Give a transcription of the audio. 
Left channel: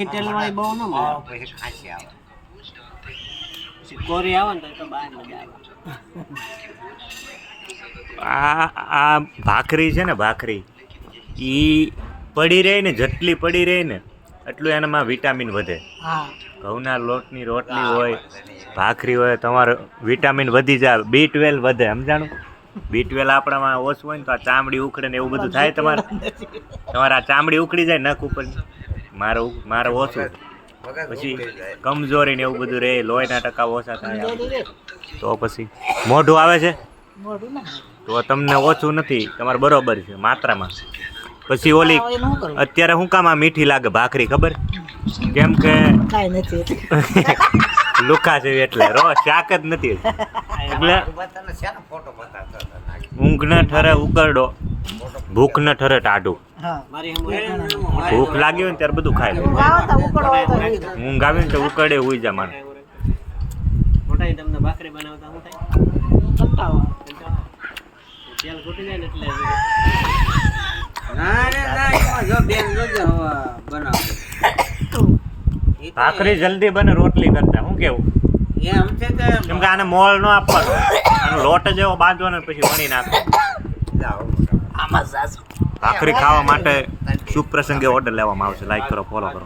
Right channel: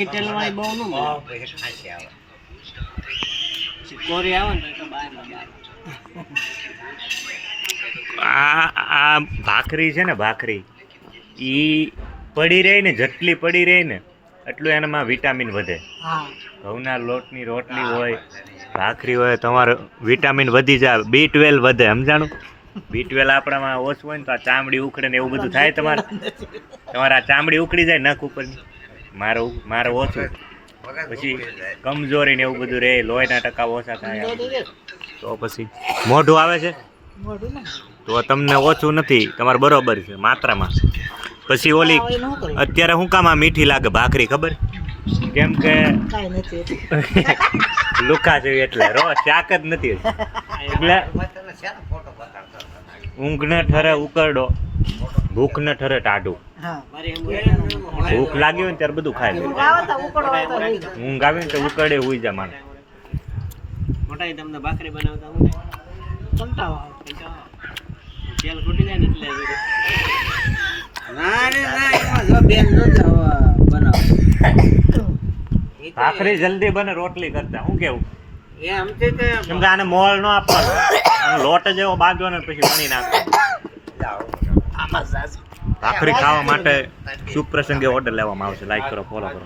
આખી તેલવાળી બહુ ન મળે. પછી ખાંસી આવે. પછી કોરી આવે ને તો બહાર લગાવે. આ ભાખરી છે ને ભાખરી ઈ પડી રહી ને જેટલી પડી રહી ને એટલું એનામાં વિટામિન વધે. હા ઘઉંના લોટની રોટલી હોય ભાખરી હોય તમારે વિટામિન વધી જાય. B12 વધે સમજાણું. B12 આપણામાં ઓછું હોય ને તો આ ચામડી ઉખડે ને એવું બધું થાય તમારે. તમારે આ ચામડી ઉખડી જાય નખ ઉપરની. મારે ઓછું પછી કમજોરી ને એવું બધું રહે. લોહીના ટકા ઓછા થાય તો પછી મોઢું આવે છે મોઢું ને તો તમને ઓછું નથી તમારે બરોબર છે માત્રામાં. પછી ઓલી અત્યારે શું કામ આ મીઠી લાગે ભાખરી ખબર જેમ કે કાંઈ નથી લુકા જેવી એટલે રો શાક જ નથી એટલે તને શેનો ફોટો બતાવતો હતો? ઊંઘ ન ઠરે ઉકરડો ભૂખ ન ઠરે ટાઢું. હા મારી ભૂખ લાગી હોય ને ત્યારે બધું ખાય લે. ગાવા તા ઉકળો હોય તો રહી જાય. ઊંઘ આવી ને તો ઉકરડે હુઈ જા મારે. મોટા તમને ભાખરી બનાવતા હું કંટાળો આવે. તેલ ખૂટી જાય ને એટલે જો બેન જો બનાવ. ભાખરી જલ્દી બને રોટલી કરતા શું કેવું એમ છે કે કેમ કે આને મોળ ન આપવાનો આનો લોટ જ એવો બાંધવાનો ને પછી વણી નાખવાનો. આમાં સાસુ ભાખરી ખાવા માટે શુભ પ્રસંગે ઓર્ડર લેવામાં આવશે. લાઈક કરો ફોલો કરો.